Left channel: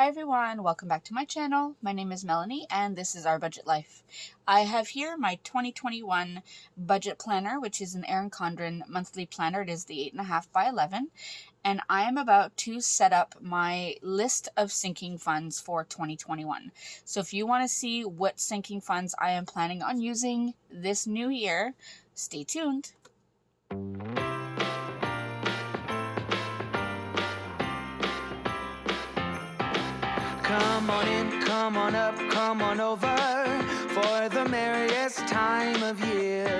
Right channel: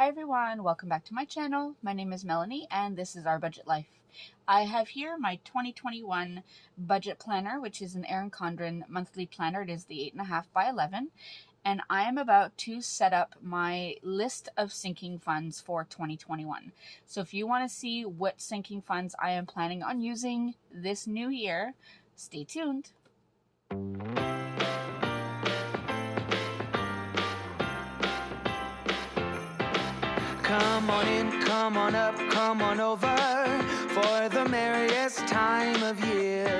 Hi everyone, welcome back to my channel. My name is Melanie and this is Our Budget Life. I have here my 2021 budget planner, which is an Erin Condren Monthly Planner. It is the 8.5 by 11, and I am about to set up my list of sinking funds for 2021. So if you want to see what sinking funds I am planning on using this new year, stay tuned. Come on in, come on up, come on over for the merriest time of year.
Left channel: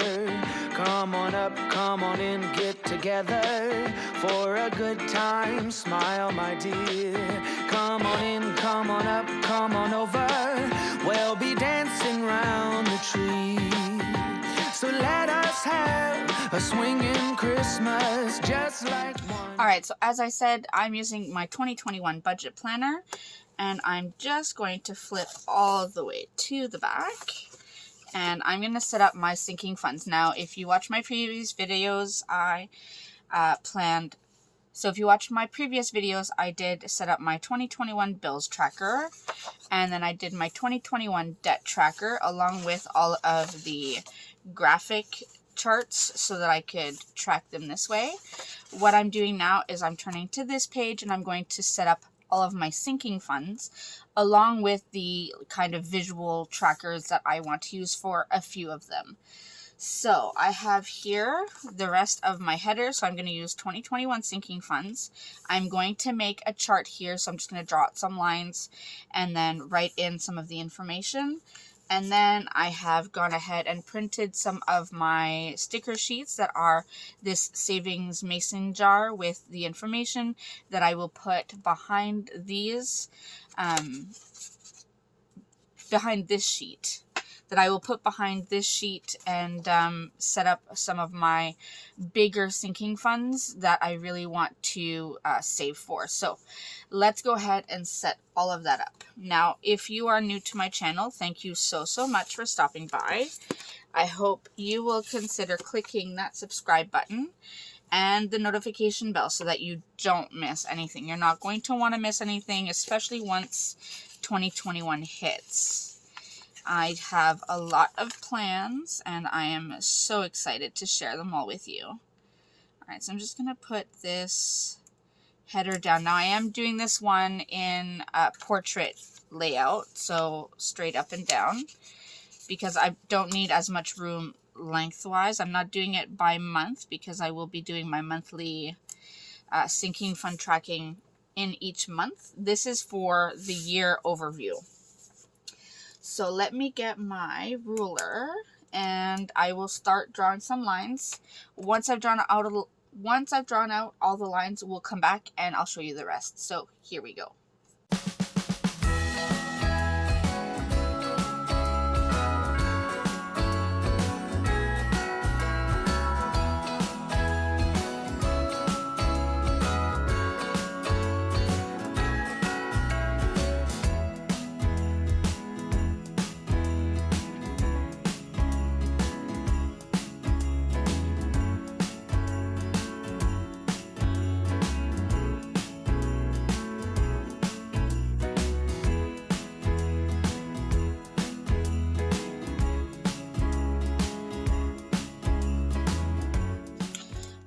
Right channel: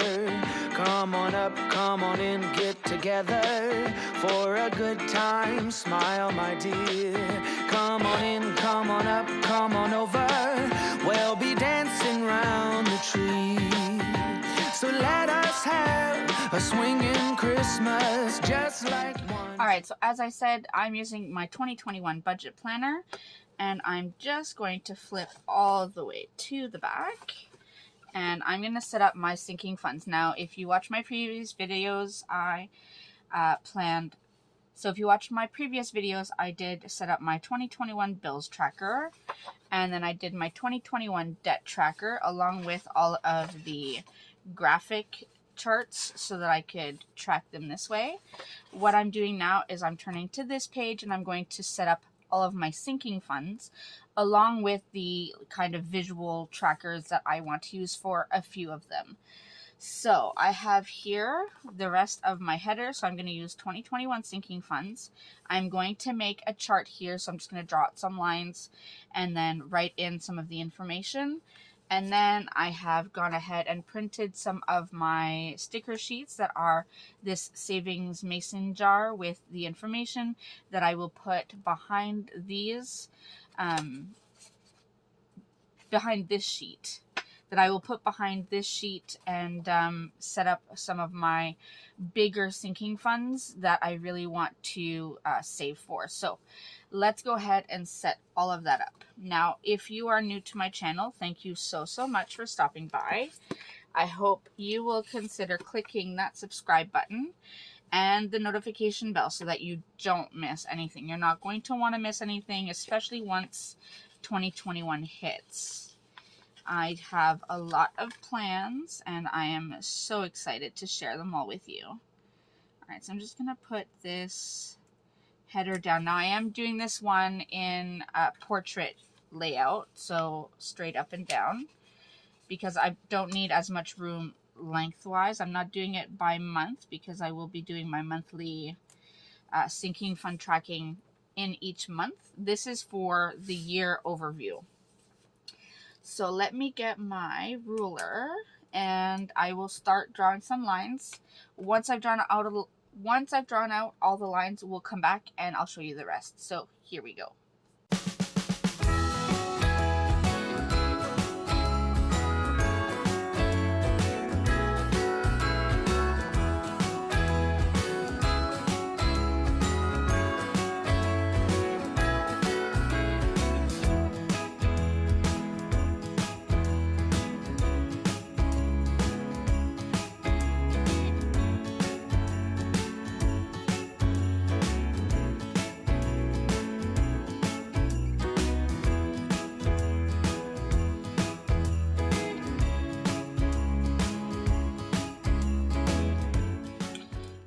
Come on up, come on in, get together for a good time. Smile, my dear. Come on in, come on up, come on over. We'll be dancing round the tree. So let us have a swinging Christmas just like one. Alright, so as I said, I'm using my 2021 budget planner. And I'm just going to flip all the way to the back. And I'm going to set up my sinking funds. Now, if you watch my previous videos, I if you watch my previous videos, I did set up my 2021 bills tracker. And then I did my 2021 debt tracker along with all of the graphic charts so that I could track them this way. What I'm doing now is I'm turning to this page and I'm going to set up all of my sinking funds along with the kind of visual trackers that I want to use for a few of them. So I have here the rest of my headers. So I'm going to use 2021 sinking funds. I'm going to make a chart here. So I'm just going to draw out some lines and then write in some of the information. And then I have gone ahead and printed some of my sticker sheets that are this savings mason jar with the information that I will put behind these, behind this sheet. And set up some of my bigger sinking funds that I really want to save for. So let's go ahead and set all of that up. Now, if you are new to my channel, thank you so much for stopping by. I hope you will consider clicking that subscribe button and the notification bell so that you don't miss anything. You're not going to want to miss anything, especially once 2021 hits. I have a lot of plans, and I am so excited to share them all with you. Alright, so I'm just going to put this header down. Now, I am doing this one in portrait layout, so straight up and down, because I don't need as much room lengthwise. I'm not doing it by month, because I will be doing my monthly sinking fund tracking in each month. This is for the year overview. So let me get my ruler and I will start drawing some lines. Once I've drawn out all the lines, we'll come back and I'll show you the rest. So here we go.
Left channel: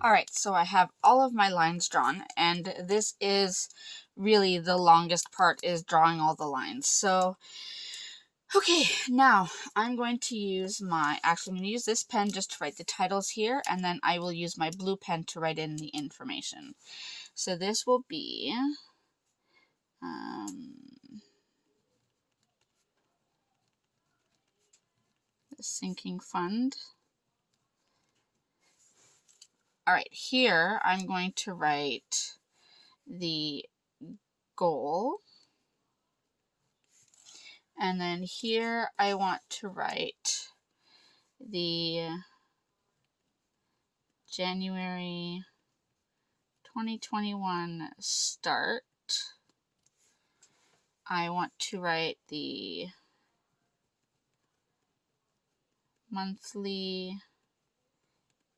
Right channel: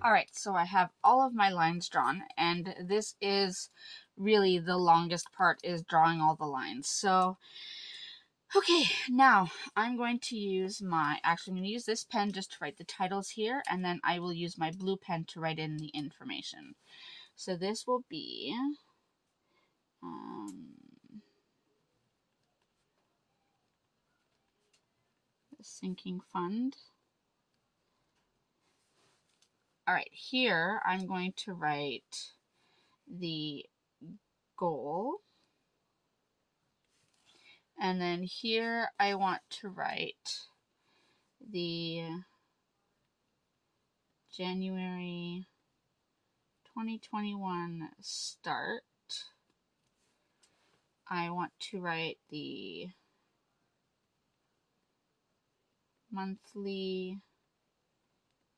Alright, so I have all of my lines drawn, and this is really the longest part, is drawing all the lines. So, okay, now I'm going to use I'm going to use this pen just to write the titles here, and then I will use my blue pen to write in the information. So this will be the sinking fund. Alright, here I'm going to write the goal. And then here I want to write the January 2021 start. I want to write the monthly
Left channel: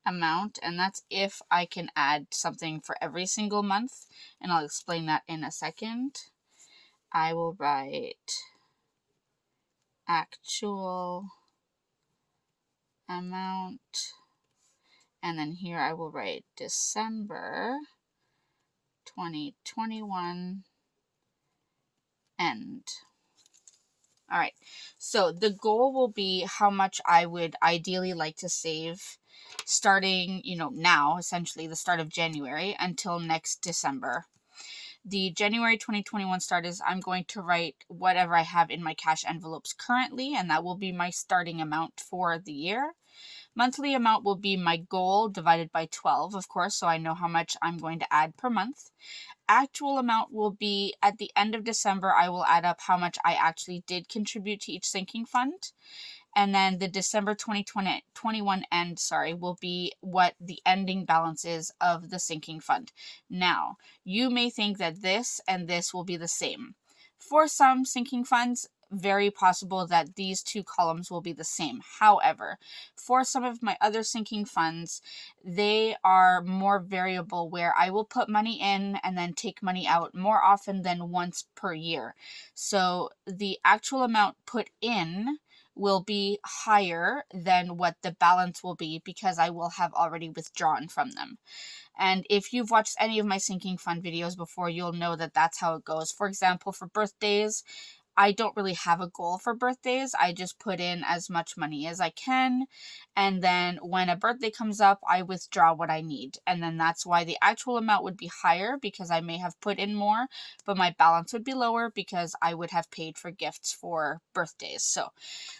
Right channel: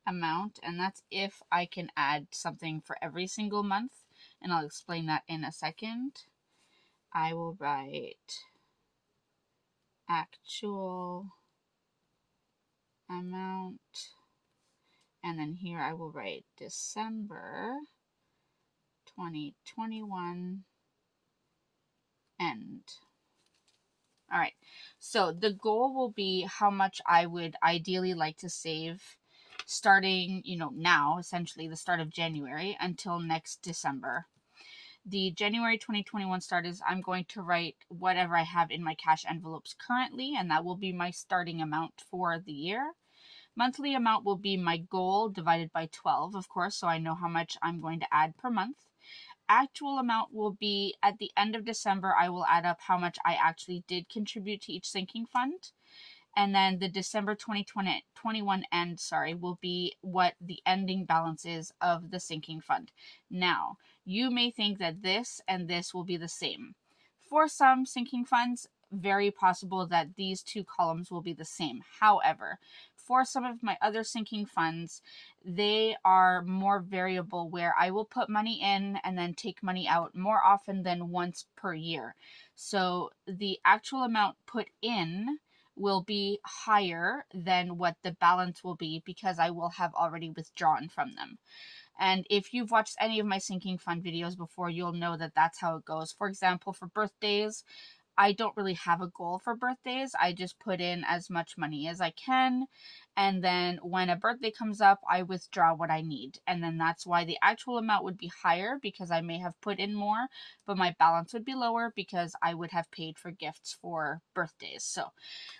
amount, and that's if I can add something for every single month, and I'll explain that in a second. I will write actual amount, and then here I will write December 2021 end. All right, so the goal will be how much I would ideally like to save starting, now, essentially the start of January until next December. The January 2021 start is I'm going to write whatever I have in my cash envelopes currently, and that will be my starting amount for the year. Monthly amount will be my goal divided by 12, of course, so I know how much I'm going to add per month. Actual amount will be at the end of December, I will add up how much I actually did contribute to each sinking fund. And then the December 2021 end, will be what the ending balance is of the sinking fund. Now, you may think that this and this will be the same. For some sinking funds, very possible that these two columns will be the same. However, for some of my other sinking funds, they are more variable, where I will put money in and then take money out more often than once per year. So the actual amount put in will be higher than what the balance will be, because I will have already withdrawn from them. And if you've watched any of my sinking fund videos before, you'll know that that's how it goes. For example, for birthdays, I don't really have a goal for birthdays. I just put in as much money as I can. And then when a birthday comes up, I withdraw what I need. And then that's why the actual amount would be higher, because I may have put in more, but my balance would be lower because I would have paid for gifts for birthdays. So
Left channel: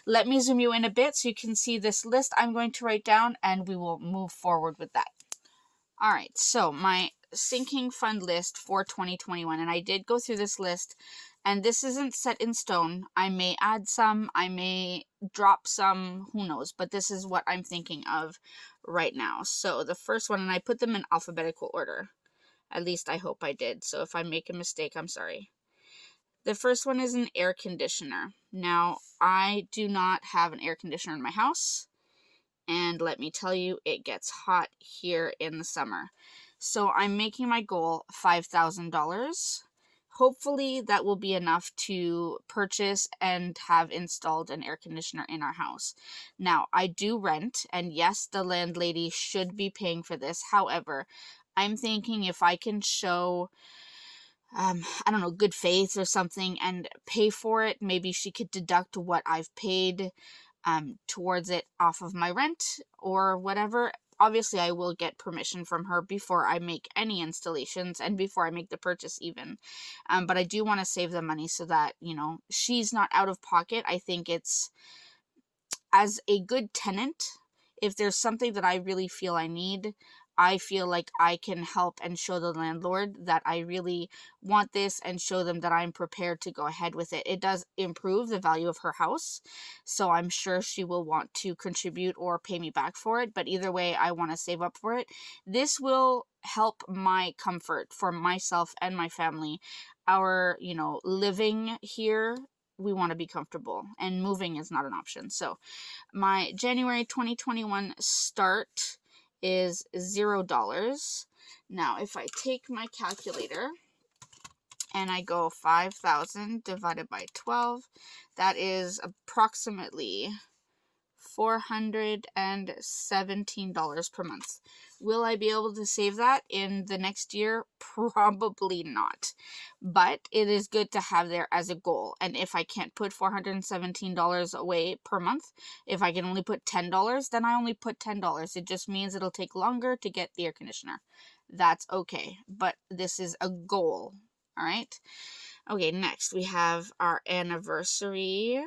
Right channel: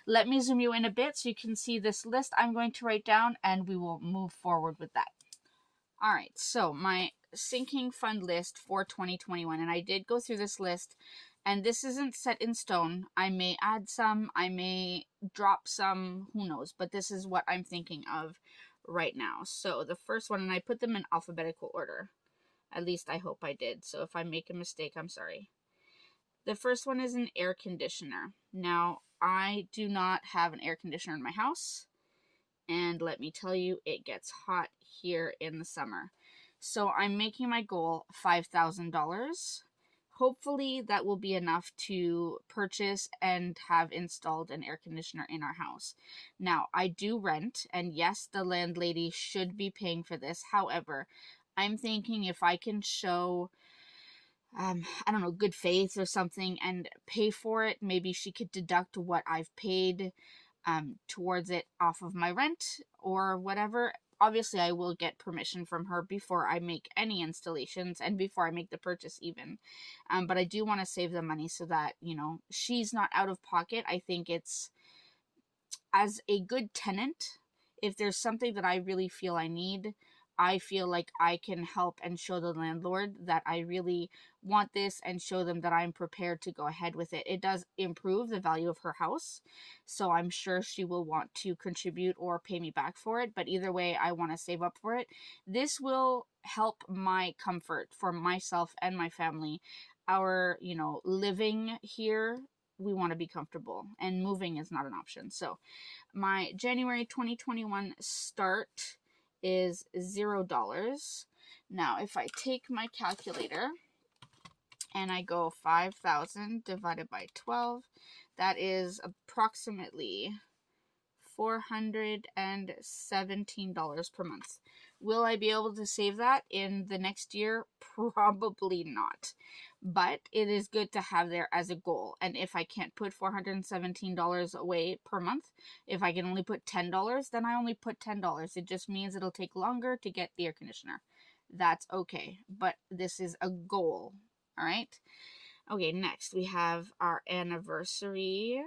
let me zoom you in a bit so you can see this list I'm going to write down, and we will move forward with that. All right, so my sinking fund list for 2021, and I did go through this list, and this isn't set in stone. I may add some, I may drop some, who knows, but this is what I'm thinking of right now. So the first one, and I put them in alphabetical order. At least I hope I did. So if I make a mistake, I'm sorry. The first one is an air conditioner. Now, I do not have an air conditioner in my house, and let me tell you, it gets hot here in the summer. So I'm making my goal $5,000. Hopefully that will be enough to purchase and have installed an air conditioner in our house. Now, I do rent, and yes, the landlady should be paying for this. However, I'm thinking if I can show good faith or something and pay for it, maybe she could deduct what I've paid towards it off of my rent or whatever. Obviously, I will get permission from her before I make any installations and before I make the purchase even. But I do want to save the money so that, she's not out of pocket. I think it's, as a good tenant, if there's something that I really feel I need, I feel like I can help and show the landlord that I really want this and show them that I'm prepared to go ahead with it. It does improve the value of her house, so I'm sure she will want to contribute or pay me back for it, but either way, I want to save up for it. This will help my comfort for myself and my family. Our, living here, we want to be comfortable, and moving is not an option. So my January 2021 start is $0. Now, if I take my calculator and I go 5,000 divided by 12, that is approximately $417 per month. Will I be able to save that in the next year? Probably not. But it is good to have there as a goal. And if I can't put $417 away per month, if I can only put $10, then I only put $10. It just means it'll take longer to get the air conditioner. That's okay. But this is a goal. All right. Okay, next we have our anniversary.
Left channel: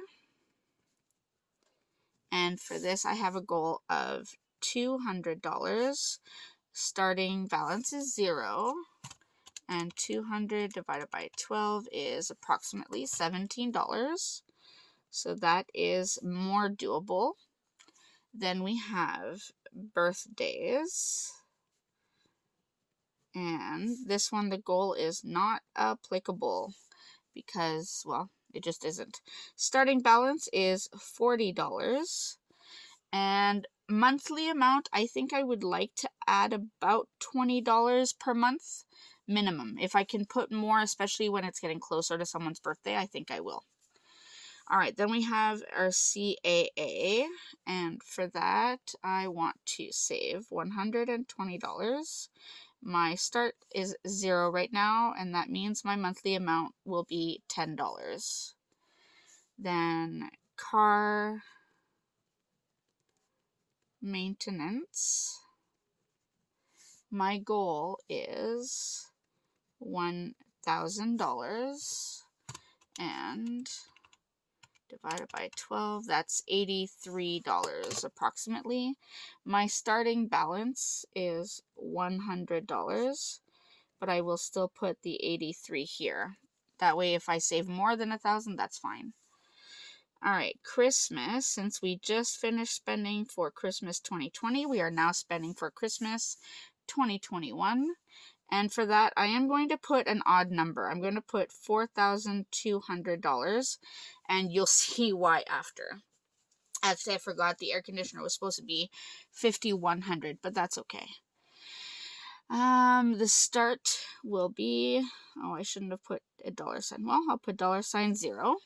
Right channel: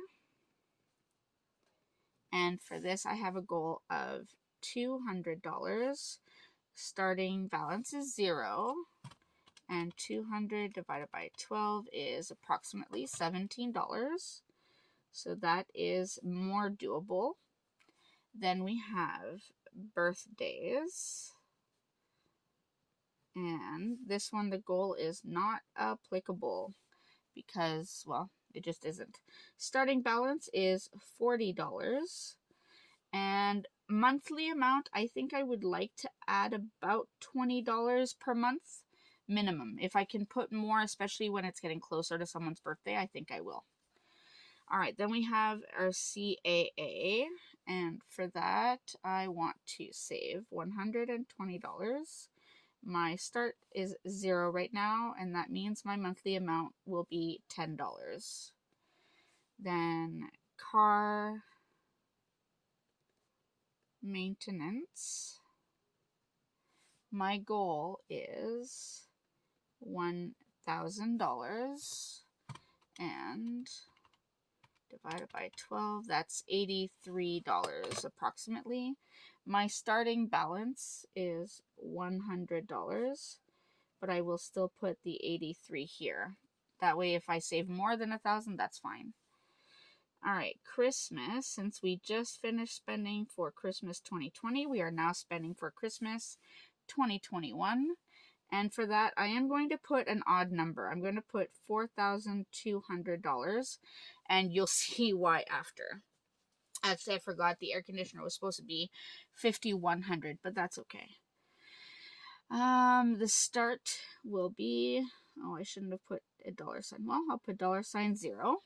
And for this, I have a goal of $200. Starting balance is 0. And 200 divided by 12 is approximately $17. So that is more doable. Then we have birthdays. And this one, the goal is not applicable because, well, it just isn't. Starting balance is $40. And monthly amount, I think I would like to add about $20 per month, minimum. If I can put more, especially when it's getting closer to someone's birthday, I think I will. All right, then we have our CAA, and for that, I want to save $120. My start is 0 right now, and that means my monthly amount will be $10. Then car maintenance. My goal is $1,000, and divided by 12, that's $83 approximately. My starting balance is $100, but I will still put the 83 here. That way, if I save more than 1,000, that's fine. All right, Christmas, since we just finished spending for Christmas 2020, we are now spending for Christmas 2021. And for that, I am going to put an odd number. I'm going to put $4,200, and you'll see why after. Actually, I forgot the air conditioner was supposed to be $5,100, but that's okay. The start will be, oh, I shouldn't have put a $sign. Well, I'll put $0.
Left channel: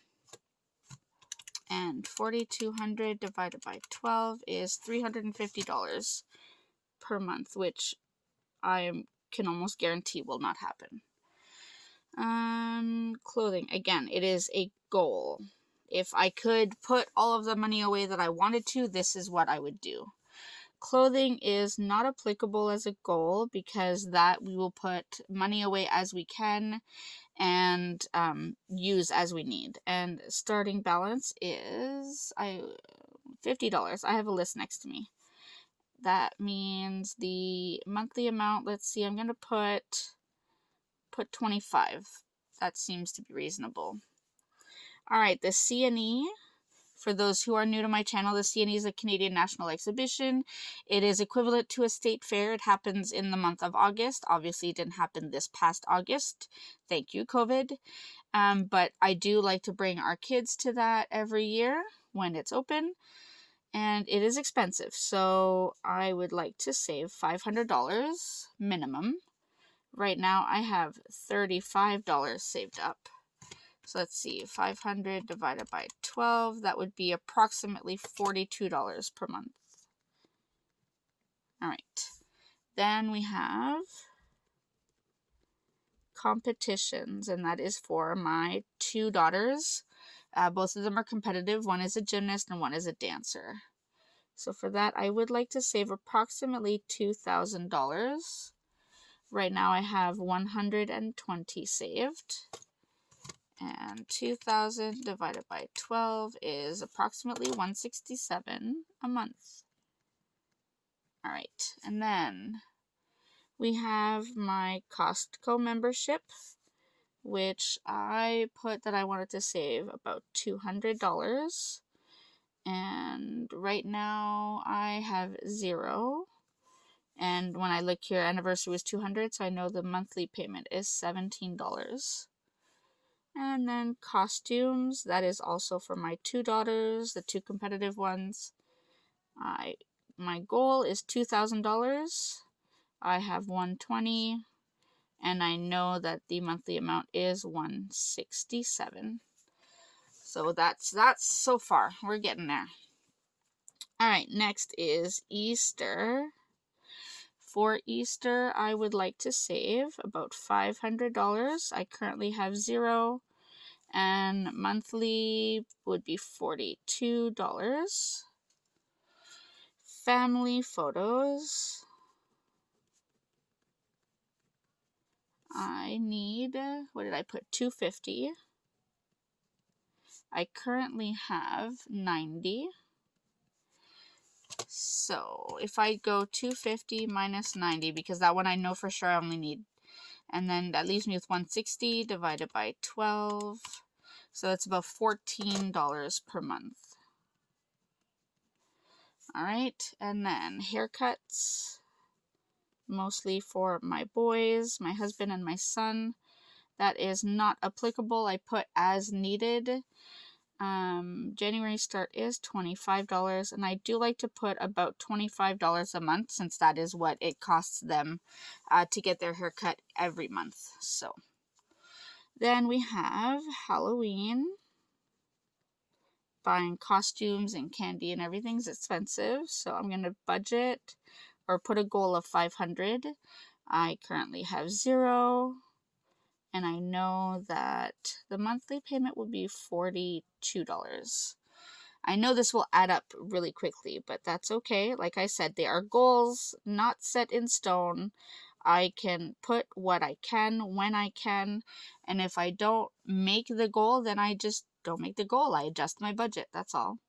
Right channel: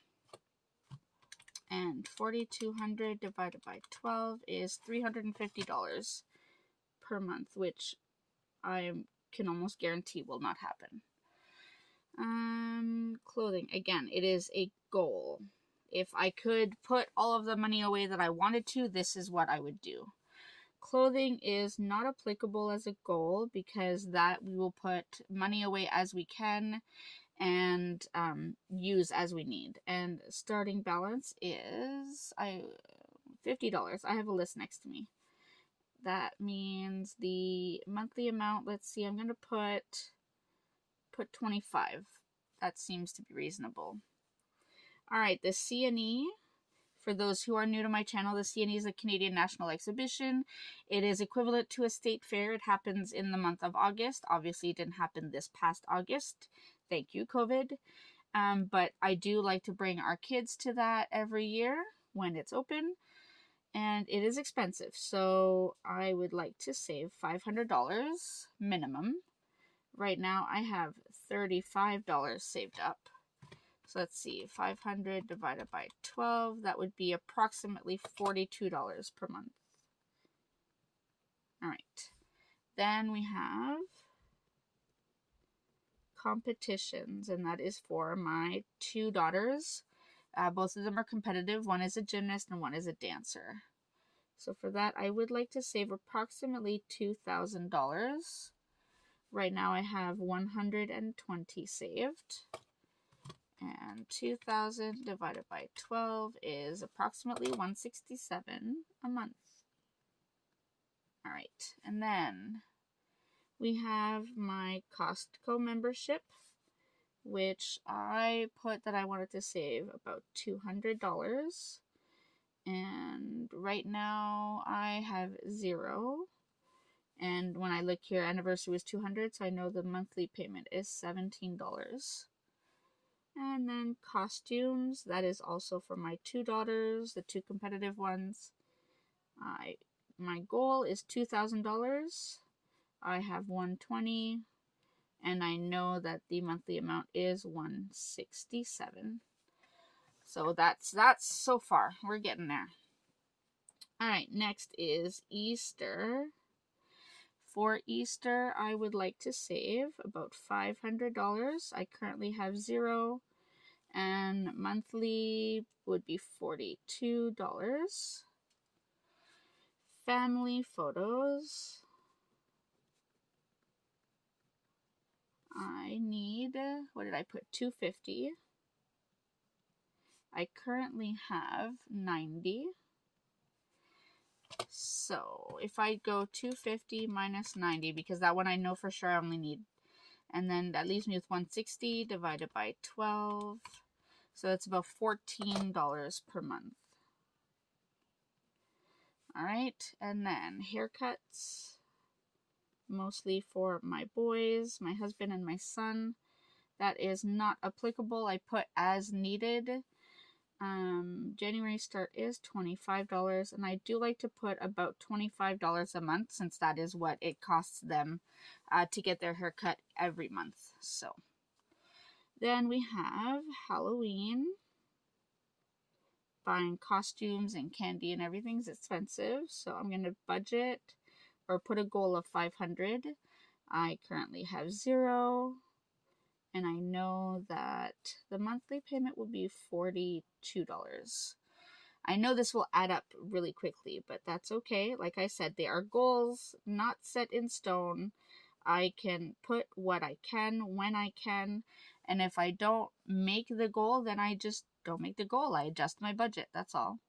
And 4,200 divided by 12 is $350 per month, which I can almost guarantee will not happen. Clothing, again, it is a goal. If I could put all of the money away that I wanted to, this is what I would do. Clothing is not applicable as a goal because that we will put money away as we can and use as we need. And starting balance is $50. I have a list next to me. That means the monthly amount, let's see, I'm going to put 25. That seems to be reasonable. All right, the CNE, for those who are new to my channel, the CNE is a Canadian National Exhibition. It is equivalent to a state fair. It happens in the month of August. Obviously, it didn't happen this past August. Thank you, COVID. But I do like to bring our kids to that every year when it's open. And it is expensive, so I would like to save $500 minimum. Right now, I have $35 saved up. So let's see, 500 divided by 12, that would be approximately $42 per month. All right. Then we have competitions, and that is for my 2 daughters. Both of them are competitive. One is a gymnast and one is a dancer. So for that, I would like to save approximately $2,000. Right now I have 120 saved. And 2,000 divided by 12 is approximately $167 a month. All right, and then we have my Costco membership, which I put that I wanted to save about $200. And right now I have 0. And when I look here, anniversary was $200, so I know the monthly payment is $17. And then costumes, that is also for my 2 daughters, the 2 competitive ones. My goal is $2,000. I have $120, and I know that the monthly amount is $167. So that's so far. We're getting there. All right, next is Easter. For Easter, I would like to save about $500. I currently have 0, and monthly would be $42. Family photos. I need, what did I put? $250. I currently have 90. So if I go 250 minus 90, because that one I know for sure I only need, and then that leaves me with 160 divided by 12. So that's about $14 per month. All right, and then haircuts, mostly for my boys, my husband, and my son. That is not applicable. I put as needed. January start is $25, and I do like to put about $25 a month, since that is what it costs them to get their hair cut every month. So then we have Halloween. Buying costumes and candy and everything's expensive, so I'm gonna budget or put a goal of 500. I currently have 0, and I know that the monthly payment will be $42. I know this will add up really quickly, but that's okay. Like I said, they are goals, not set in stone. I can put what I can when I can, and if I don't make the goal, then I just don't make the goal. I adjust my budget, that's all.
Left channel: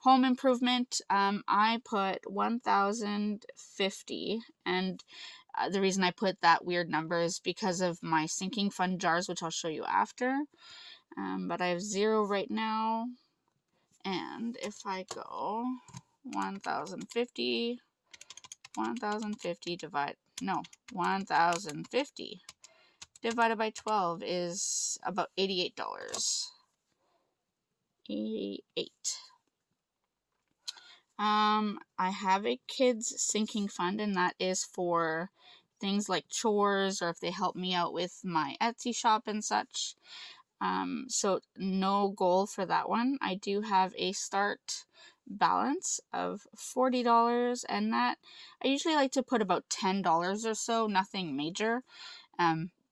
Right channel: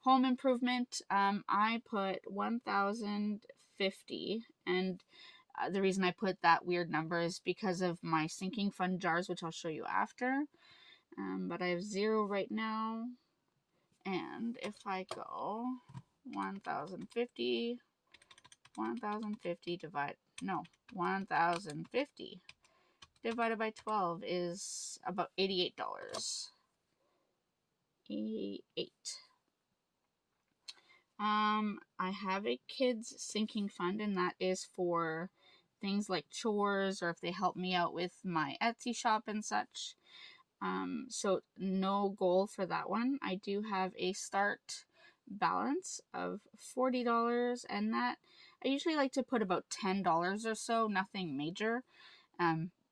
Home improvement, I put 1,050, and the reason I put that weird number is because of my sinking fund jars, which I'll show you after. But I have 0 right now, and if I go 1,050 divided by 12 is about $88. 88. I have a kids sinking fund, and that is for things like chores, or if they help me out with my Etsy shop and such. So no goal for that one. I do have a start balance of $40, and that I usually like to put about $10 or so, nothing major.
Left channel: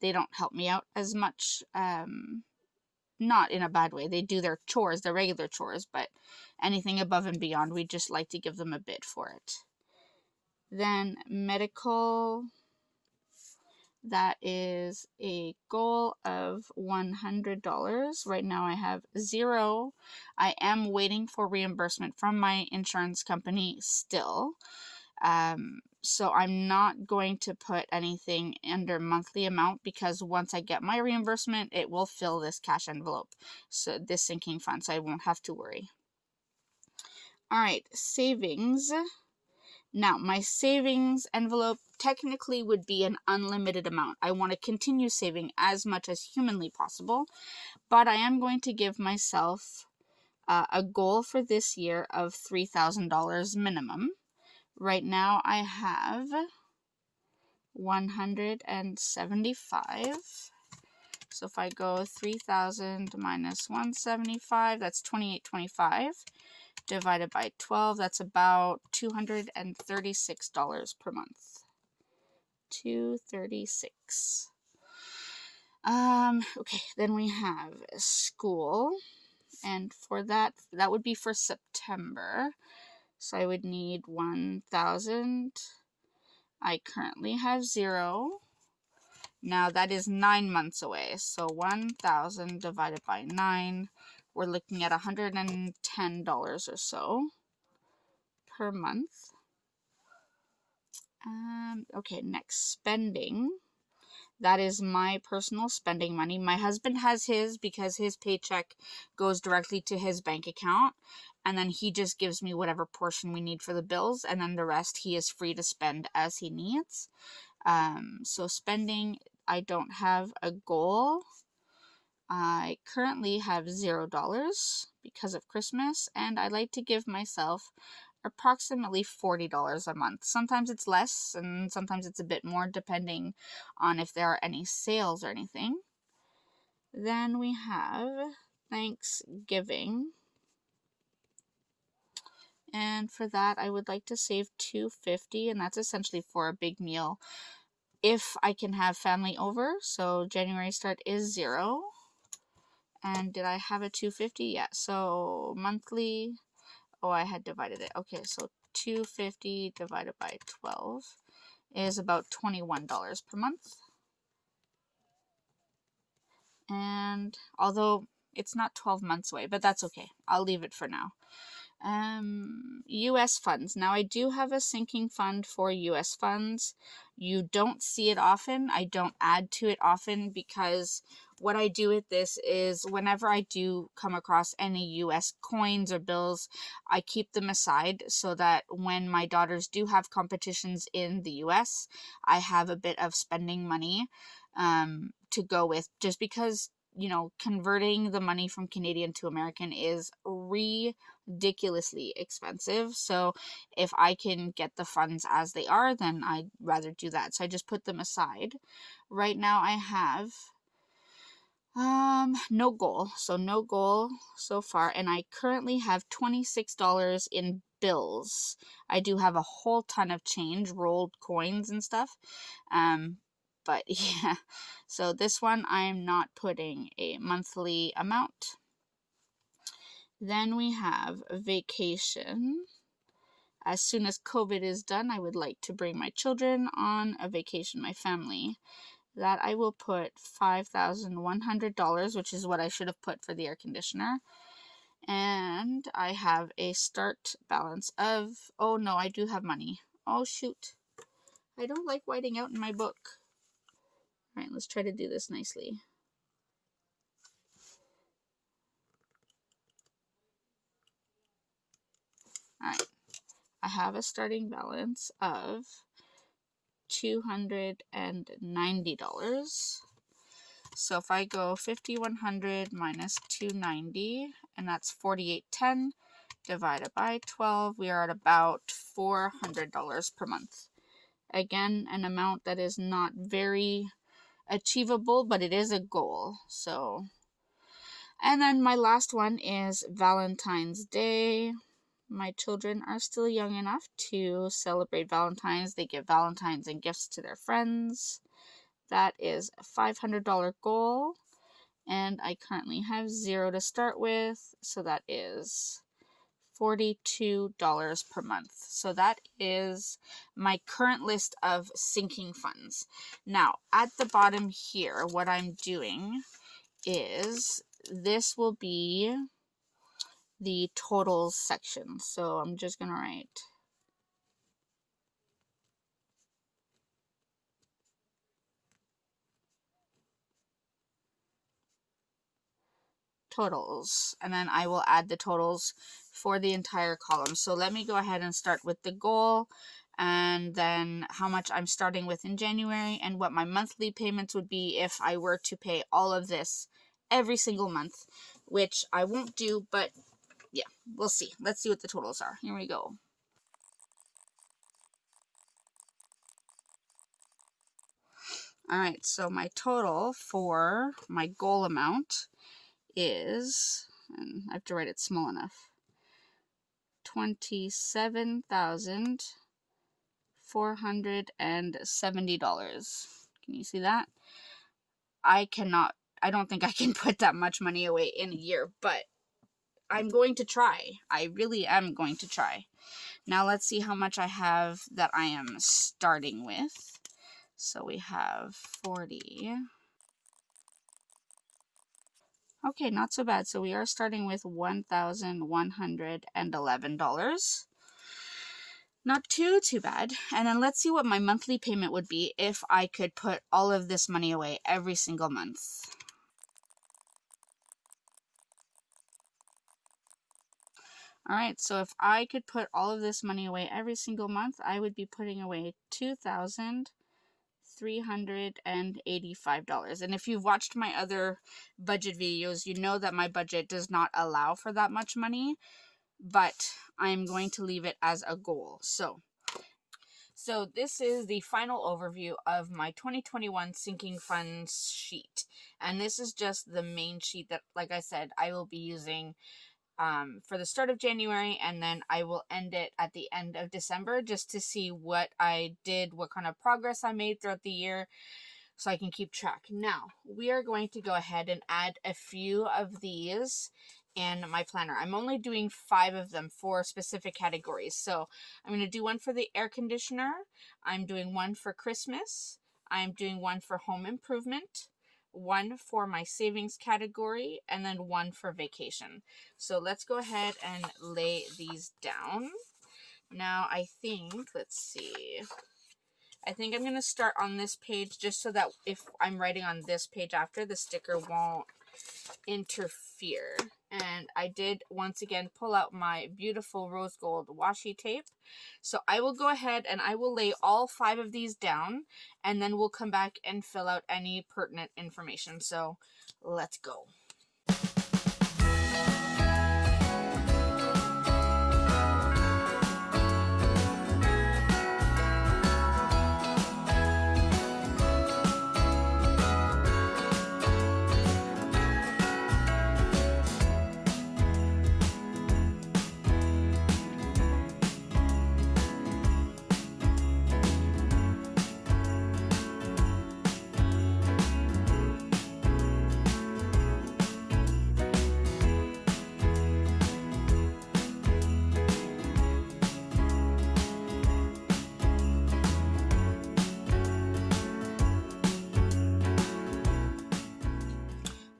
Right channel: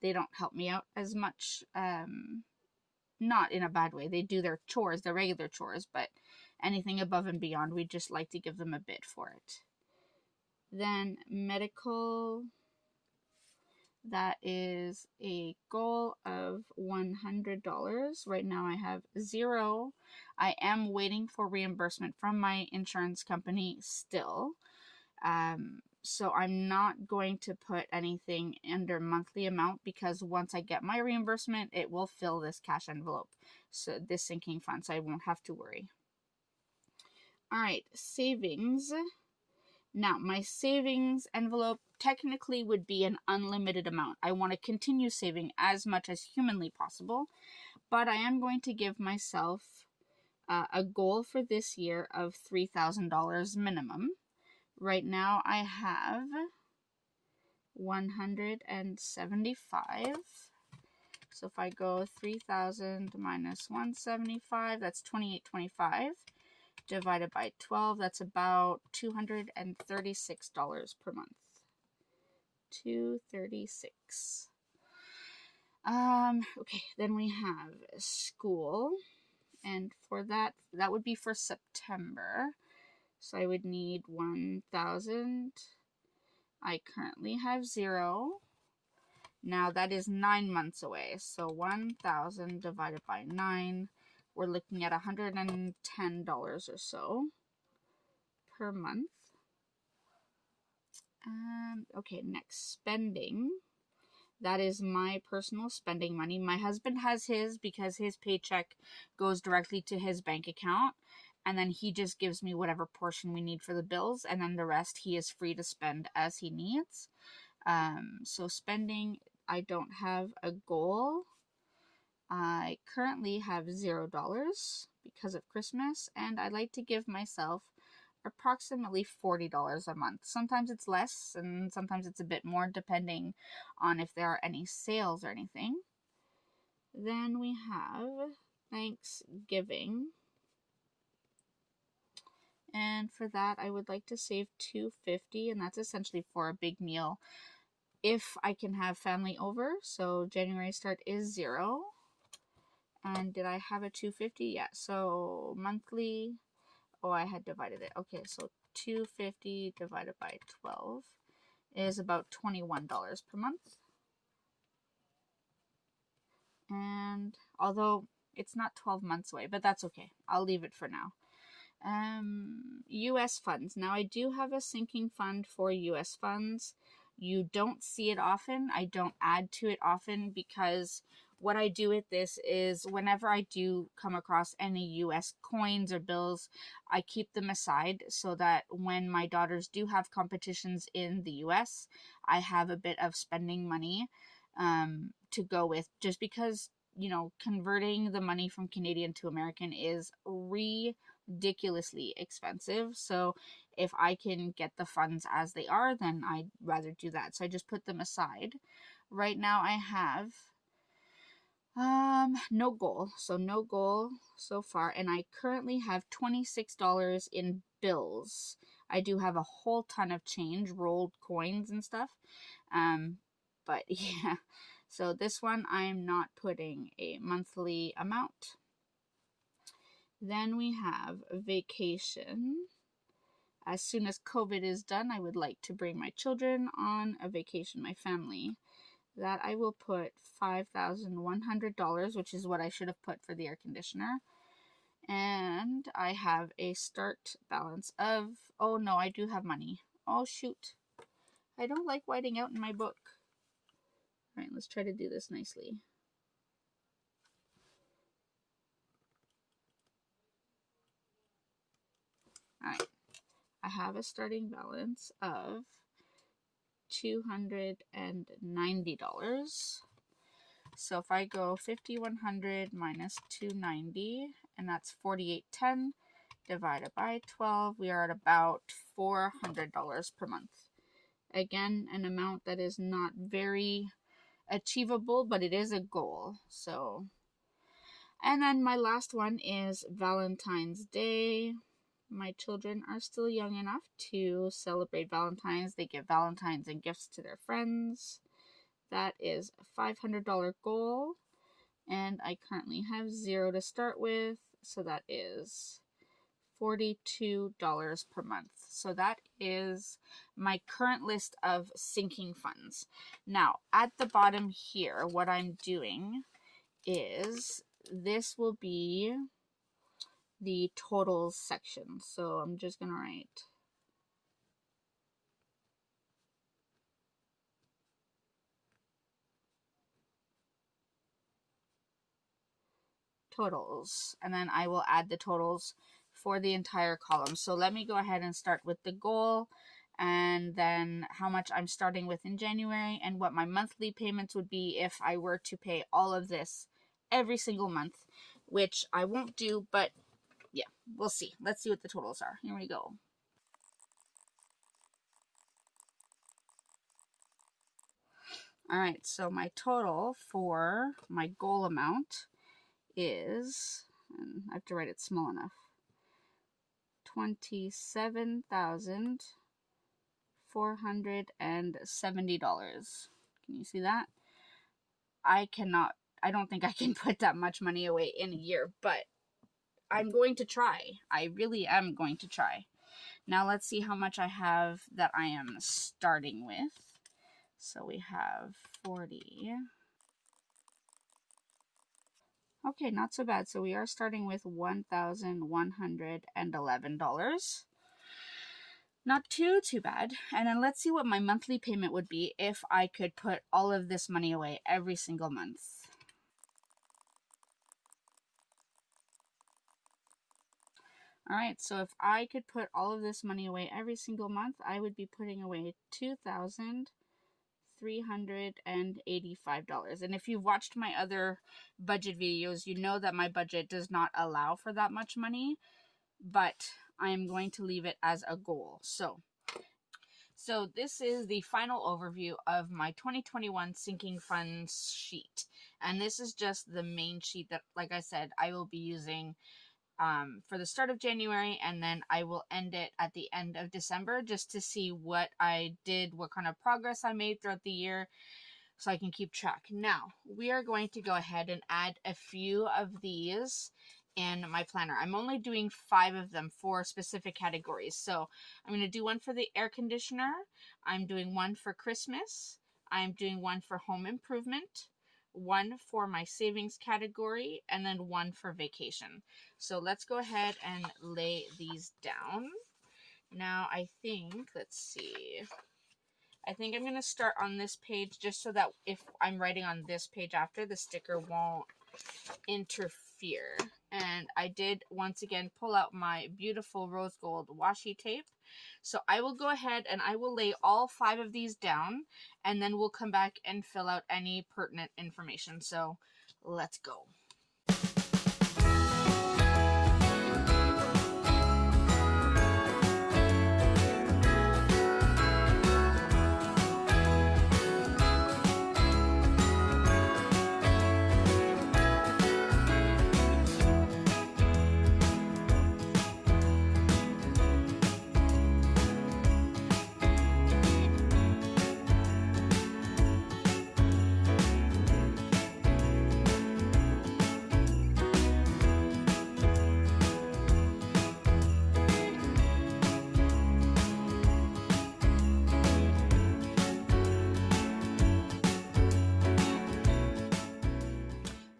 They don't help me out as much, not in a bad way. They do their chores, their regular chores, but anything above and beyond, we just like to give them a bit for it. Then medical, that is a goal of $100. Right now I have 0. I am waiting for reimbursement from my insurance company still. So I'm not going to put anything under monthly amount, because once I get my reimbursement, it will fill this cash envelope, so this sinking fund, so I won't have to worry. All right, savings. Now, my savings envelope technically would be an unlimited amount. I want to continue saving as much as humanly possible, but I am going to give myself a goal for this year of $3,000 minimum. Right now I have 175. So if I go 3,000 minus 175, that's $2,825. Divided by 12, that's about $236 per month. $236. Okay, then we have school, and for that would be for September. So I would need 1,000. I currently have 0. Now that is 9 months away. So 1,000 divided by 9, we're looking at $110 or so per month. Okay, next, spending. That is my personal spending money. My husband has his because his paycheck goes directly to his bank account, and then he just gives me whatever portion we need for the bills, and then the rest he is free to spend as he needs. So spending, I don't have a goal. I currently have $0 because of Christmas, and I like to give myself approximately $40 a month. Sometimes it's less, and sometimes it's a bit more, depending on if there are any sales or anything. Then we have Thanksgiving, and for that I would like to save $250, and that's essentially for a big meal if I can have family over. So January start is 0. And did I have a $250? Yeah, so monthly, oh, I had divided it. Okay, so $250 divided by 12 is about $21 per month. And although it's not 12 months away, but that's okay. I'll leave it for now. US funds. Now I do have a sinking fund for US funds. You don't see it often. I don't add to it often, because what I do with this is whenever I do come across any US coins or bills, I keep them aside so that when my daughters do have competitions in the US, I have a bit of spending money to go with, just because you know, converting the money from Canadian to American is ridiculously expensive. So if I can get the funds as they are, then I'd rather do that. So I just put them aside. Right now I have no goal. So no goal so far. And I currently have $26 in bills. I do have a whole ton of change, rolled coins and stuff. But yeah, so this one I'm not putting a monthly amount. Then we have vacation. As soon as COVID is done, I would like to bring my children on a vacation, my family. That I will put $5,100, which is what I should have put for the air conditioner. And I have a start balance of, oh no, I do have money. Oh shoot. I don't like whiting out in my book. All right, let's try to do this nicely. All right, I have a starting balance of $290. So if I go 5,100 minus 290, and that's 4,810 divided by 12, we are at about $400 per month. Again, an amount that is not very achievable, but it is a goal. So, and then my last one is Valentine's Day. My children are still young enough to celebrate Valentine's. They give Valentines and gifts to their friends. That is a $500 goal, and I currently have $0 to start with, so that is $42 per month. So that is my current list of sinking funds. Now, at the bottom here, what I'm doing is this will be the totals section. So I'm just going to write totals, and then I will add the totals for the entire column. So let me go ahead and start with the goal, and then how much I'm starting with in January, and what my monthly payments would be if I were to pay all of this every single month, which I won't do, but yeah, we'll see. Let's see what the totals are. Here we go. All right, so my total for my goal amount is, and I have to write it small enough, $27,470. Can you see that? I don't think I can put that much money away in a year, but I'm going to try. I really am going to try. Now let's see how much I have that I am starting with. So we have 40. Okay, not so bad. So we are starting with $1,111. Not too bad. And then let's see what my monthly payment would be if I could put all of this money away every single month. All right, so if I could put all of this money away every single month, I would be putting away $2,385. And if you've watched my other budget videos, you know that my budget does not allow for that much money, but I'm going to leave it as a goal. So this is the final overview of my 2021 sinking funds sheet. And this is just the main sheet that, like I said, I will be using for the start of January, and then I will end it at the end of December just to see what I did, what kind of progress I made throughout the year, so I can keep track. Now, we are going to go ahead and add a few of these in my planner. I'm only doing 5 of them for specific categories. So I'm going to do one for the air conditioner. I'm doing one for Christmas. I'm doing one for home improvement, one for my savings category, and then one for vacation. So let's go ahead and lay these down. Now I think, let's see, I think I'm going to start on this page just so that if I'm writing on this page after, the sticker won't interfere. And I did once again pull out my beautiful rose gold washi tape. So I will go ahead and I will lay all 5 of these down, and then we'll come back and fill out any pertinent information. So let's go.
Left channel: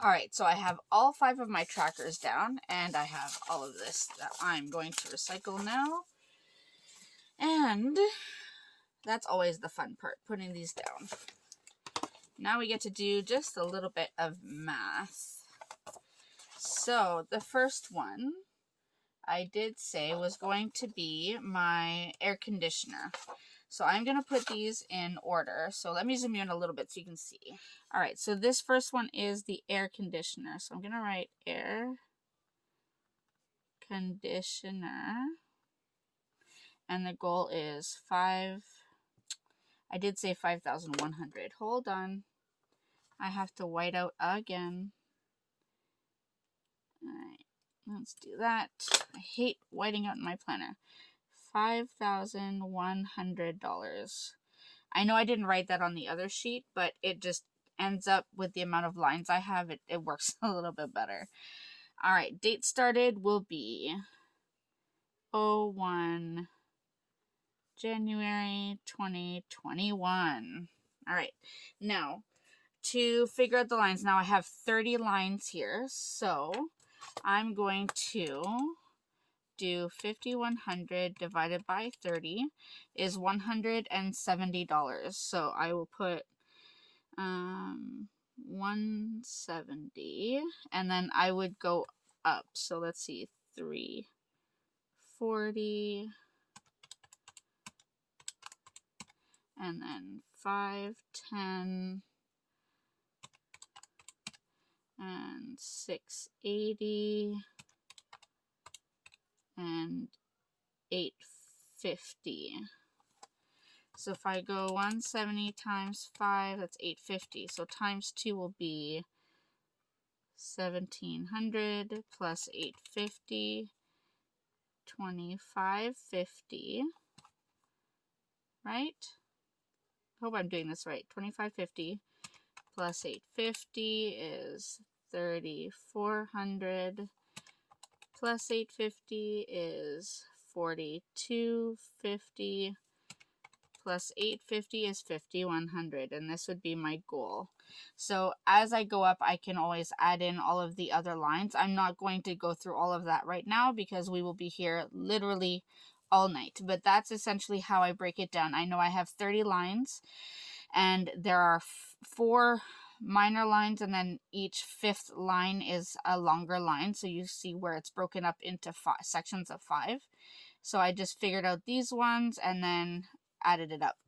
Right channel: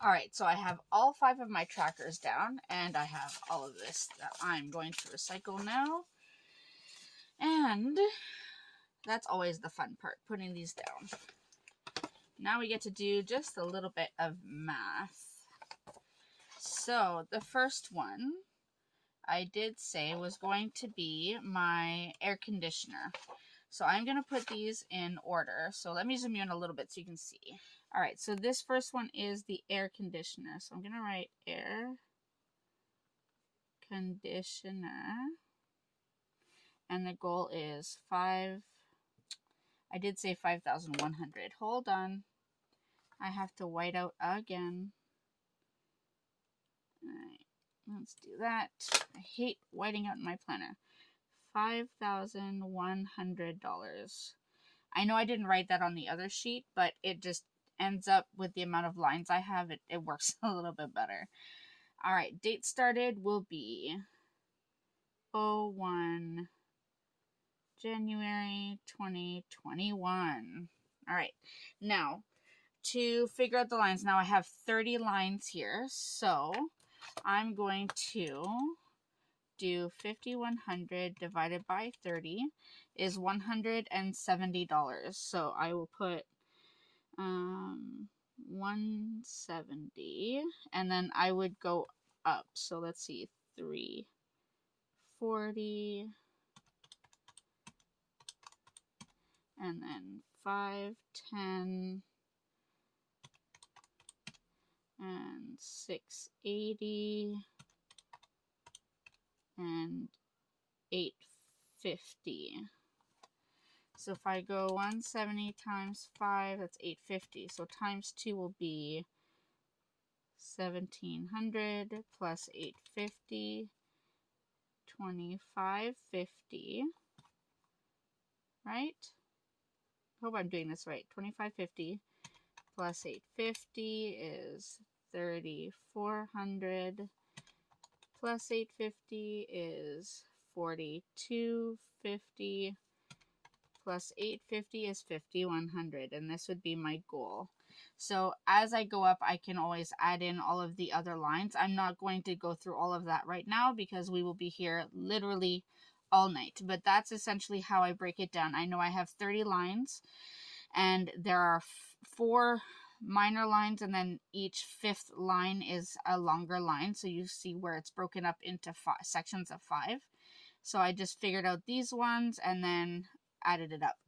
Alright, so I have all 5 of my trackers down, and I have all of this that I'm going to recycle now. And that's always the fun part, putting these down. Now we get to do just a little bit of math. So the first one I did say was going to be my air conditioner. So I'm going to put these in order. So let me zoom you in a little bit so you can see. Alright, so this first one is the air conditioner. So I'm going to write air conditioner. And the goal is I did say 5,100. Hold on. I have to white out again. Alright, let's do that. I hate whiting out in my planner. $5,100. I know I didn't write that on the other sheet, but it just ends up with the amount of lines I have. It works a little bit better. Alright, date started will be 01 January 2021. Alright, now to figure out the lines, now I have 30 lines here, so I'm going to do 5,100 divided by 30 is $170. So I will put 170, and then I would go up. So let's see, 340, and then 510, and 680, and 850. So if I go 170 times 5, that's 850. So times 2 will be 1,700 plus 850, 2,550, right? Hope I'm doing this right. 2,550 plus 850 is 3,400. Plus 850 is 4,250. Plus 850 is 5,100, and this would be my goal. So as I go up, I can always add in all of the other lines. I'm not going to go through all of that right now because we will be here literally all night. But that's essentially how I break it down. I know I have 30 lines, and there are 4 minor lines, and then each 5th line is a longer line. So you see where it's broken up into sections of 5. So I just figured out these ones and then added it up.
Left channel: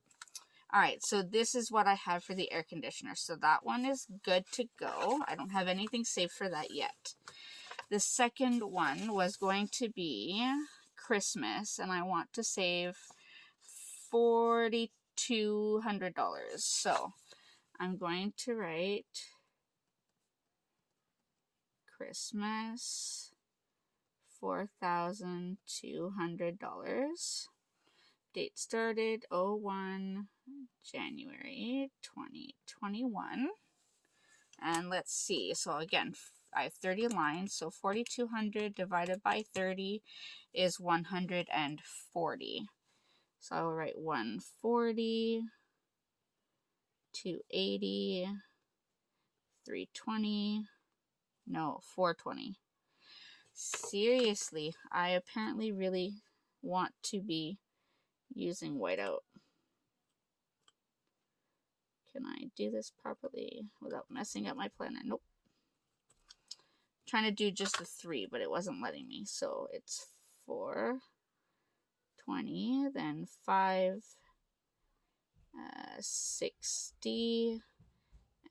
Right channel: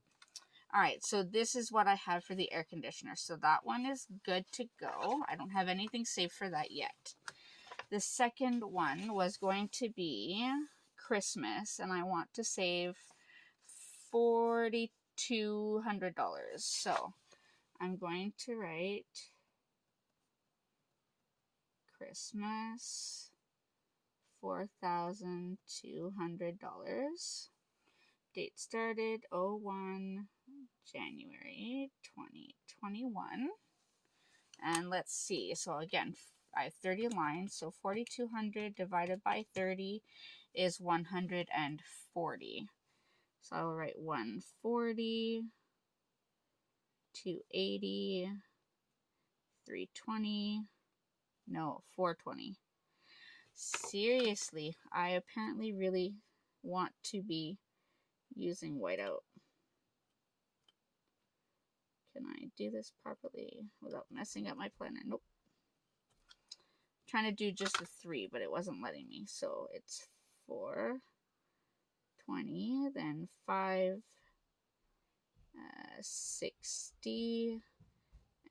Alright, so this is what I have for the air conditioner. So that one is good to go. I don't have anything saved for that yet. The second one was going to be Christmas, and I want to save $4,200. So I'm going to write Christmas, $4,200. Date started 01 January 2021. And let's see. So again, I have 30 lines. So 4,200 divided by 30 is 140. So I'll write 140, 280, 320, no, 420. Seriously, I apparently really want to be using whiteout. Can I do this properly without messing up my planner? Nope. I'm trying to do just the 3, but it wasn't letting me. So it's 420, then 560,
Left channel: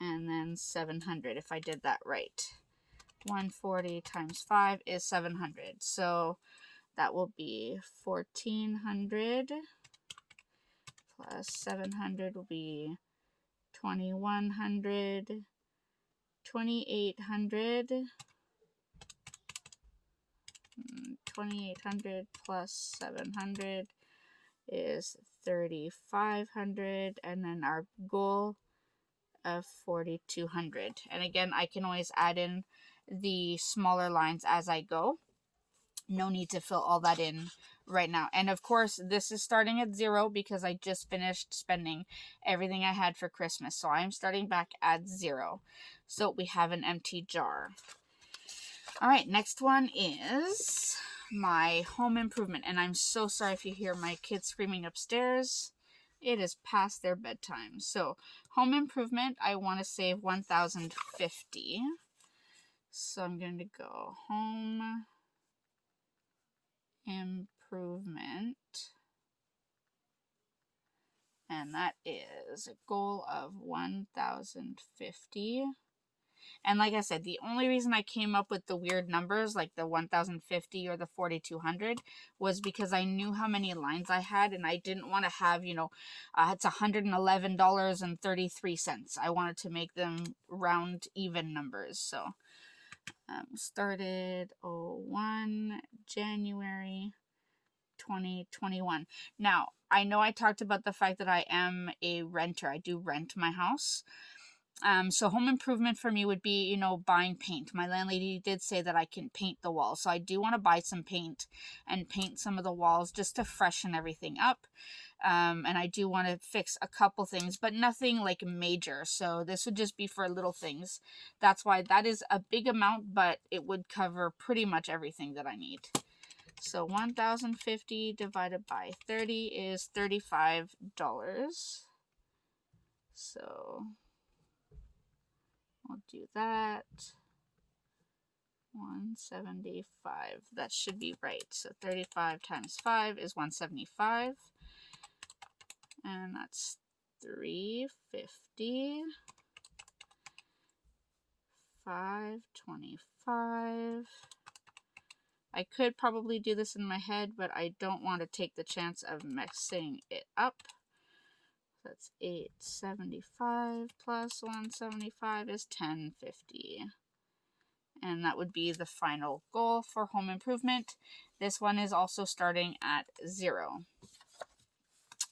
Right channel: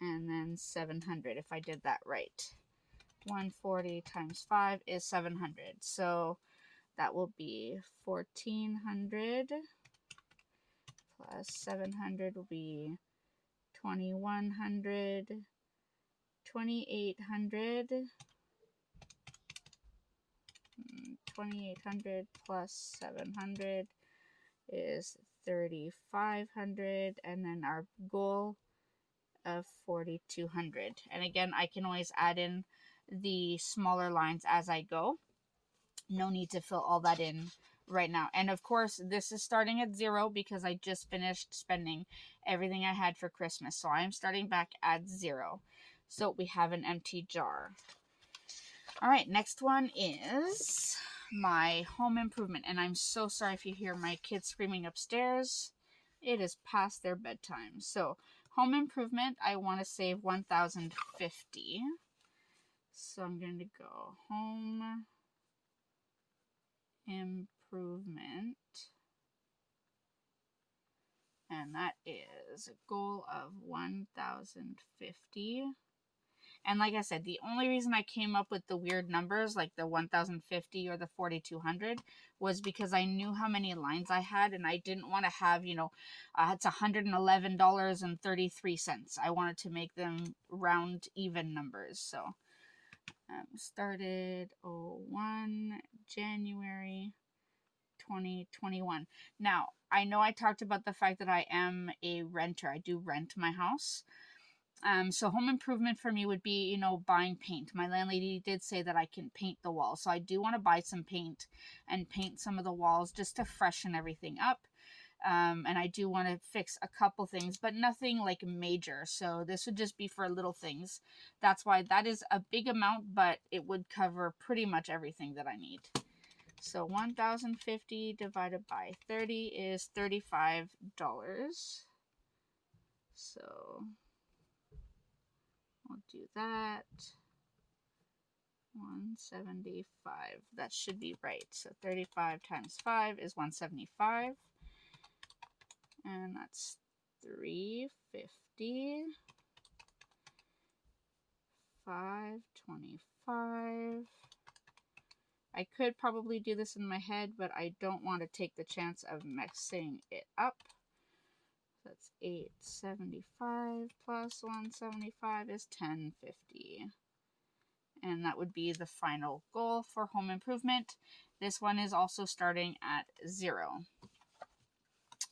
and then 700 if I did that right. 140 times 5 is 700. So that will be 1400 plus 700 will be 2100, 2800. 2800 plus 700 is 3500, and then our goal of 4200. And again, I can always add in the smaller lines as I go. No need to fill all that in right now. And of course, this is starting at 0 because I just finished spending everything I had for Christmas. So I'm starting back at 0. So we have an empty jar. All right, next one is my home improvement. And I'm so sorry if you hear my kids screaming upstairs. It is past their bedtime. So home improvement, I want to save $1,050. So I'm going to go home improvement, and that is a goal of $1,050. And like I said, the only reason I came up with the weird numbers like the 1,050 or the 4,200 was because I knew how many lines I had, and I didn't want to have, it's $111.33. I wanted to make them round even numbers. So started 01 January 2021. Now, I know I talked about the fact that I am a renter. I do rent my house. So home improvement for me would be, buying paint. My landlady did say that I can paint the walls. So I do want to buy some paint and paint some of the walls just to freshen everything up. And I do want to fix a couple things, but nothing like major. So this would just be for little things. That's why that is a big amount, but it would cover pretty much everything that I need. So 1,050 divided by 30 is $35. So I'll do that. 175. That should be right. So 35 times 5 is 175. And that's 350. 525. I could probably do this in my head, but I don't want to take the chance of messing it up. That's 875 plus 175 is 1050. And that would be the final goal for home improvement. This one is also starting at 0.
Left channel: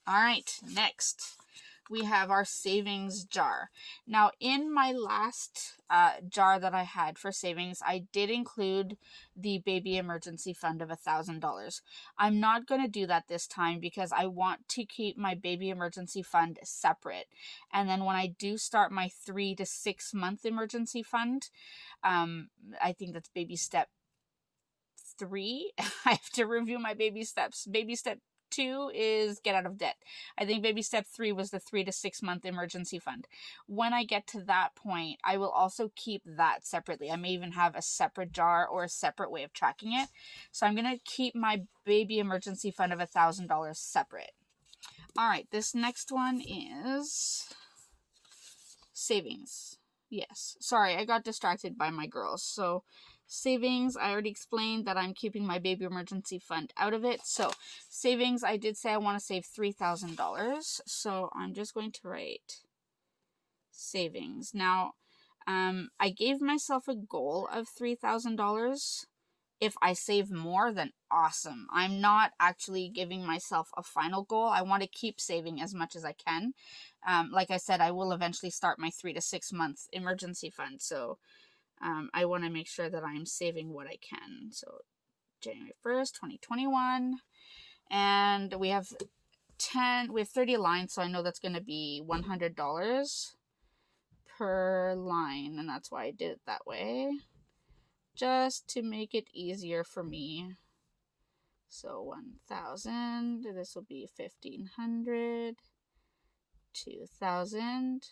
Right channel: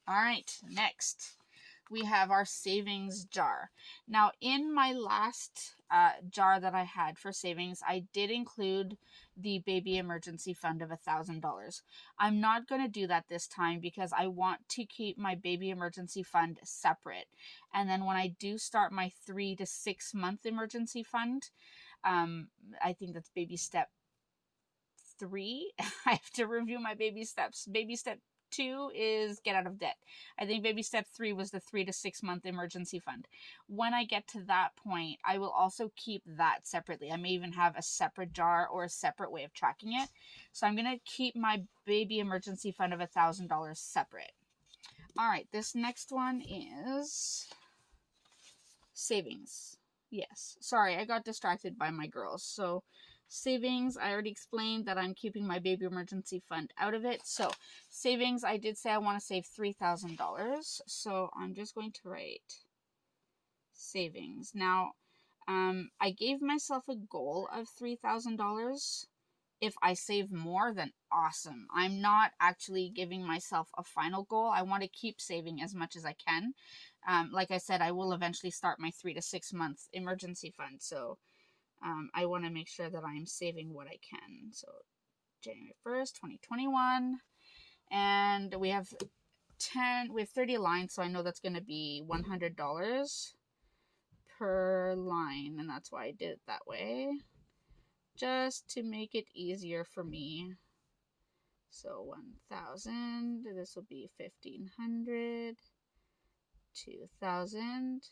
All right, next we have our savings jar. Now, in my last jar that I had for savings, I did include the baby emergency fund of $1,000. I'm not going to do that this time because I want to keep my baby emergency fund separate. And then when I do start my 3 to 6 month emergency fund, I think that's baby step 3. I have to review my baby steps. Baby step 2 is get out of debt. I think baby step 3 was the 3 to 6 month emergency fund. When I get to that point, I will also keep that separately. I may even have a separate jar or a separate way of tracking it. So I'm going to keep my baby emergency fund of $1,000 separate. All right, this next one is savings. Yes, sorry, I got distracted by my girls. So savings, I already explained that I'm keeping my baby emergency fund out of it. So savings, I did say I want to save $3,000. So I'm just going to write savings. Now, I gave myself a goal of $3,000. If I save more, then awesome. I'm not actually giving myself a final goal. I want to keep saving as much as I can. Like I said, I will eventually start my 3 to 6 month emergency fund. So I want to make sure that I'm saving what I can. So January 1st, 2021. And we have 30 lines. So I know that's going to be $100 per line. And that's why I did it that way, just to make it easier for me. So 1,000, this will be 1,500, 2,000,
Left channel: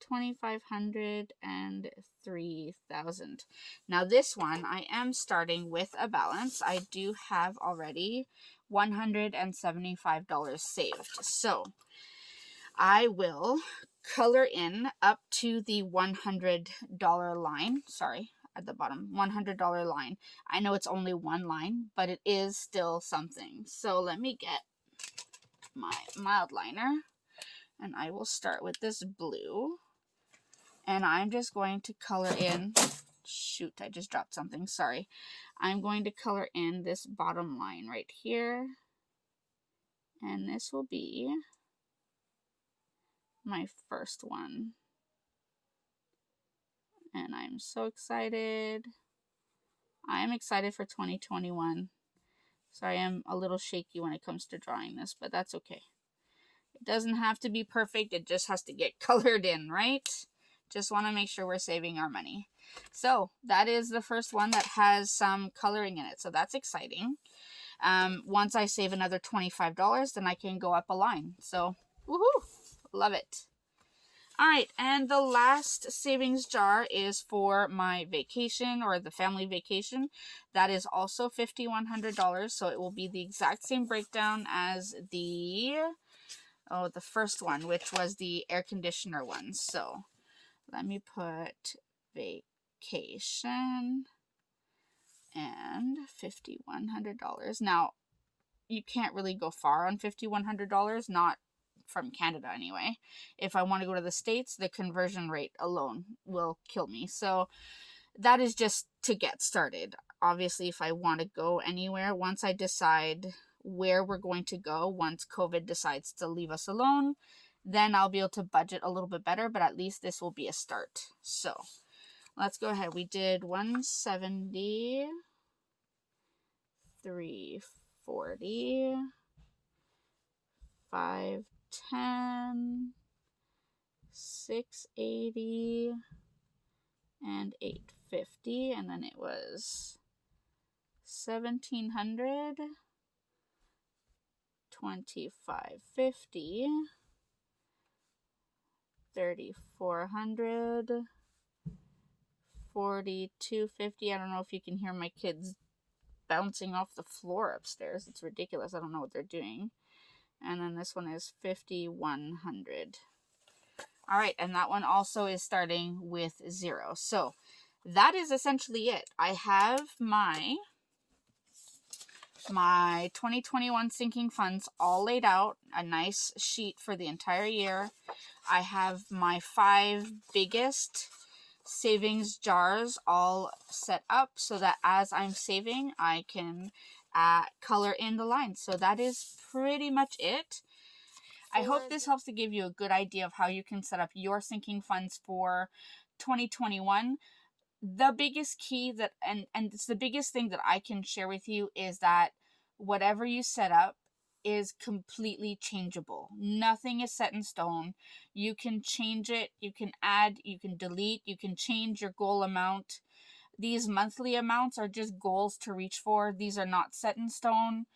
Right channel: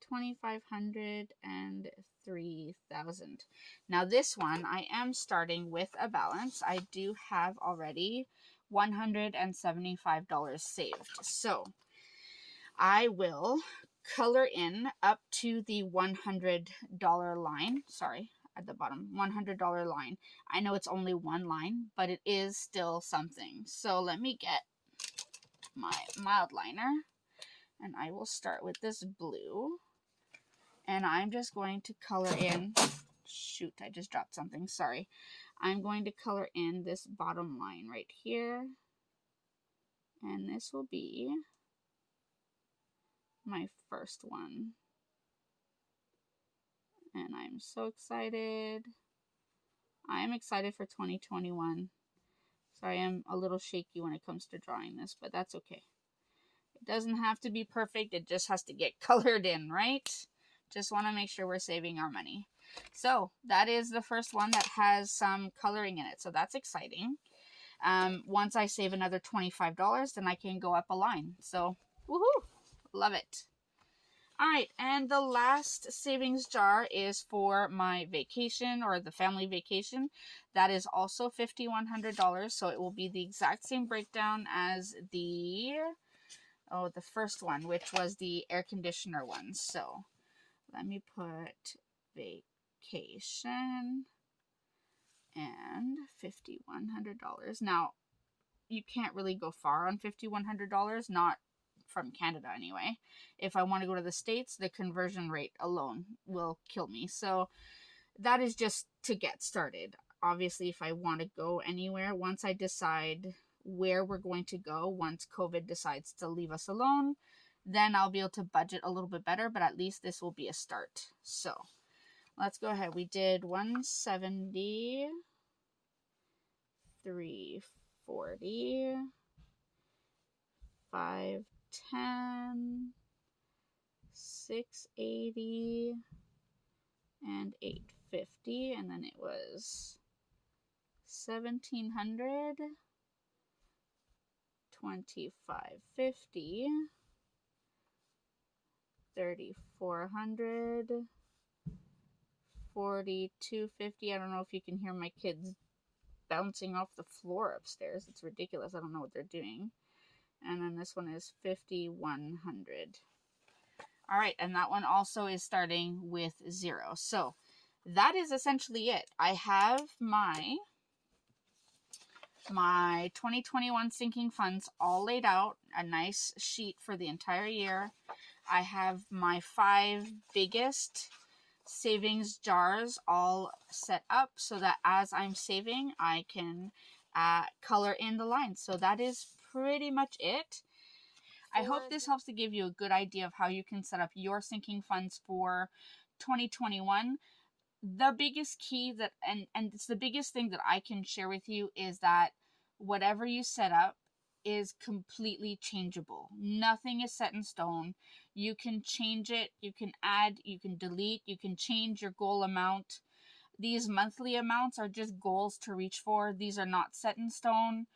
2,500, and 3,000. Now this one, I am starting with a balance. I do have already $175 saved. So I will color in up to the $100 line. Sorry, at the bottom, $100 line. I know it's only one line, but it is still something. So let me get my mild liner, and I will start with this blue, and I'm just going to color in, shoot, I just dropped something, sorry. I'm going to color in this bottom line right here, and this will be my first one. And I'm so excited. I'm excited for 2021. Sorry, I'm a little shaky when it comes to drawing this, but that's okay. It doesn't have to be perfect. It just has to get colored in, right? Just want to make sure we're saving our money. So that is the first one that has some coloring in it. So that's exciting. Once I save another $25, then I can go up a line. So, woohoo! Love it. All right, and the last savings jar is for my vacation, or the family vacation. That is also $5,100, so it will be the exact same breakdown as the first one, which was the air conditioner one. So let me put vacation and $5,100. Now, you can't really go far on $5,100, not from Canada anyway. If I want to go to the States, the conversion rate alone will kill me. So that is just to get started. Obviously, if I want to go anywhere, once I decide where we're going to go, once COVID decides to leave us alone, then I'll be able to budget a little bit better, but at least this will be a start. So let's go ahead. We did 170, 340, 510, 680, and 850, and then it was 1700, 2550, 3400, 4250. I don't know if you can hear my kids bouncing off the floor upstairs. It's ridiculous. I don't know what they're doing. And then this one is 5100. All right, and that one also is starting with 0. So that is essentially it. I have my 2021 sinking funds all laid out, a nice sheet for the entire year. I have my 5 biggest savings jars all set up so that as I'm saving, I can color in the lines. So that is pretty much it. I hope this helps to give you a good idea of how you can set up your sinking funds for 2021. The biggest key that, and it's the biggest thing that I can share with you, is that whatever you set up is completely changeable. Nothing is set in stone. You can change it, you can add, you can delete, you can change your goal amount. These monthly amounts are just goals to reach for. These are not set in stone.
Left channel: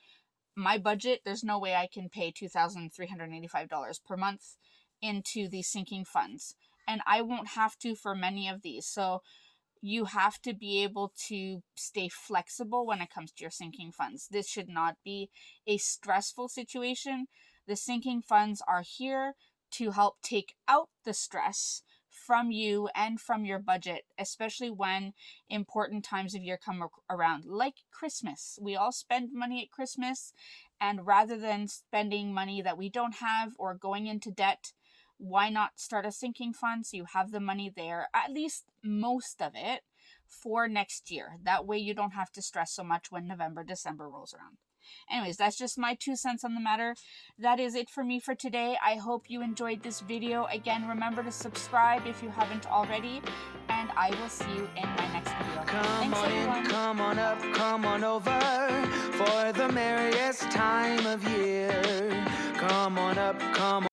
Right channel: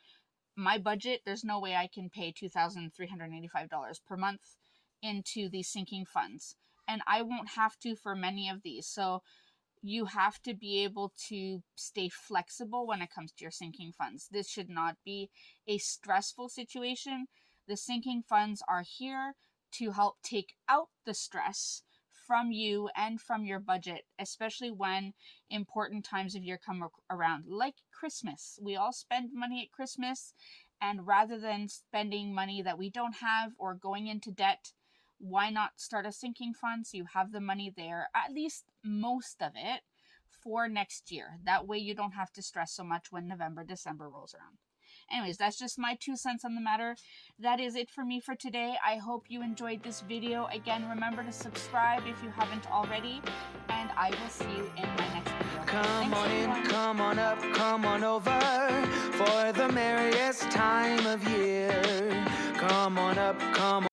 My budget, there's no way I can pay $2,385 per month into these sinking funds. And I won't have to for many of these. So you have to be able to stay flexible when it comes to your sinking funds. This should not be a stressful situation. The sinking funds are here to help take out the stress from you and from your budget, especially when important times of year come around, like Christmas. We all spend money at Christmas, and rather than spending money that we don't have or going into debt, why not start a sinking fund so you have the money there, at least most of it, for next year. That way you don't have to stress so much when November, December rolls around. Anyways, that's just my 2 cents on the matter. That is it for me for today. I hope you enjoyed this video. Again, remember to subscribe if you haven't already, and I will see you in my next video. Come Thanks, on everyone. in, come on up, come on over for the merriest time of year. Come on up, come on.